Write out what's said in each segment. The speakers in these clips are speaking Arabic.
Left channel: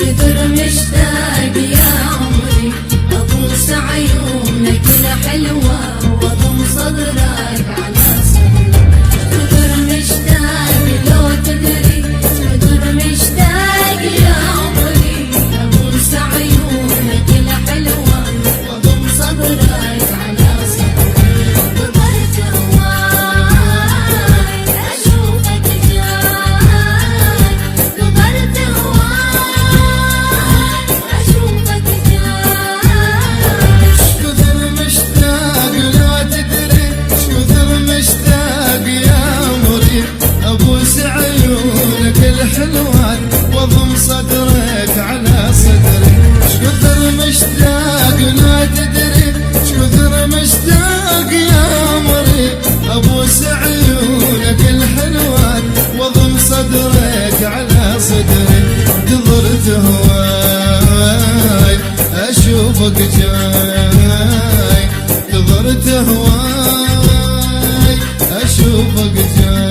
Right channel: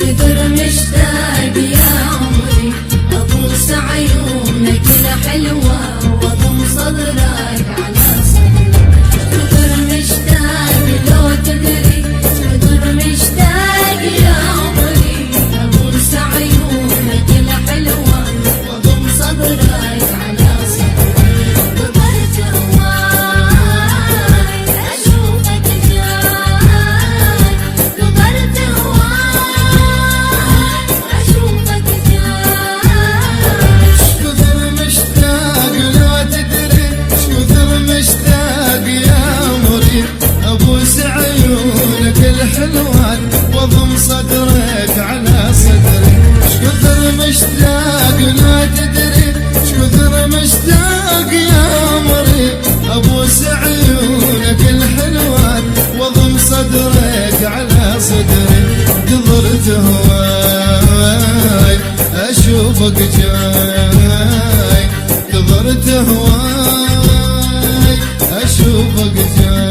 كثر مشتاق يا عمري أبوس عيونك الحلوة وأضم صدرك على صدري. كثر مشتاق لو تدري كثر مشتاق يا عمري أبوس عيونك الحلوة وأضم صدرك على صدري. قدرت هواي أشوفك جاي قدرت هواي أشوفك جاي. كثر مشتاق لا تدري كثر مشتاق يا عمري أبوس عيونك الحلوة وأضم صدرك على صدري. كثر مشتاق لا تدري كثر مشتاق يا عمري أبوس عيونك الحلوة وأضم صدرك على صدري. قدرت هواي أشوفك جاي قدرت هواي أشوفك جاي.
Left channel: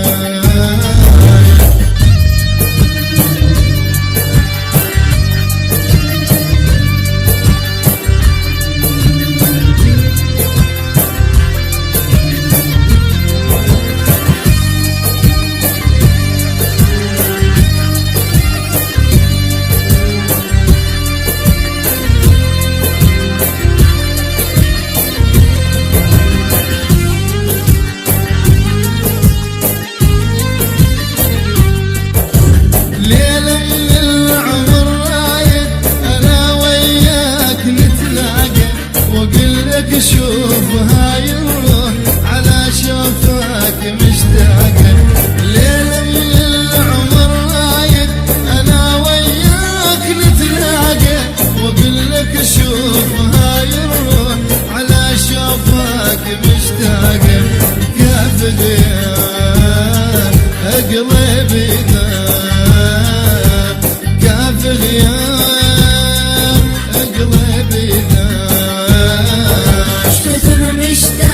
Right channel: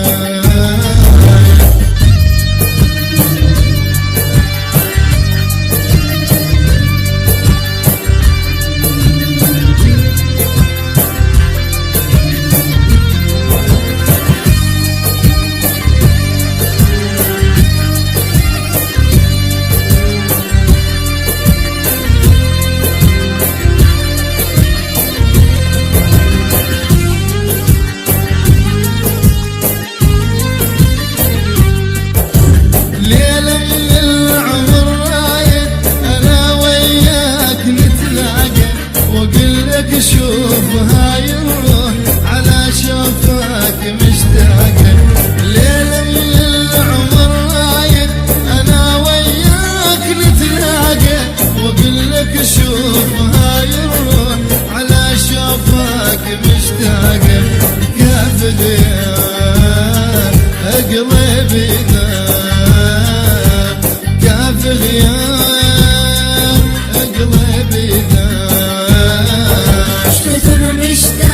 شوف هاي الروح على شوفك مشتاقة. ليلة من العمر رايد أنا وياك نتلاقى وأقول لك شوف هاي الروح على شوفك مشتاقة. كافل يا قلبي دام كافل يا قلبي دام. كثر مشتاق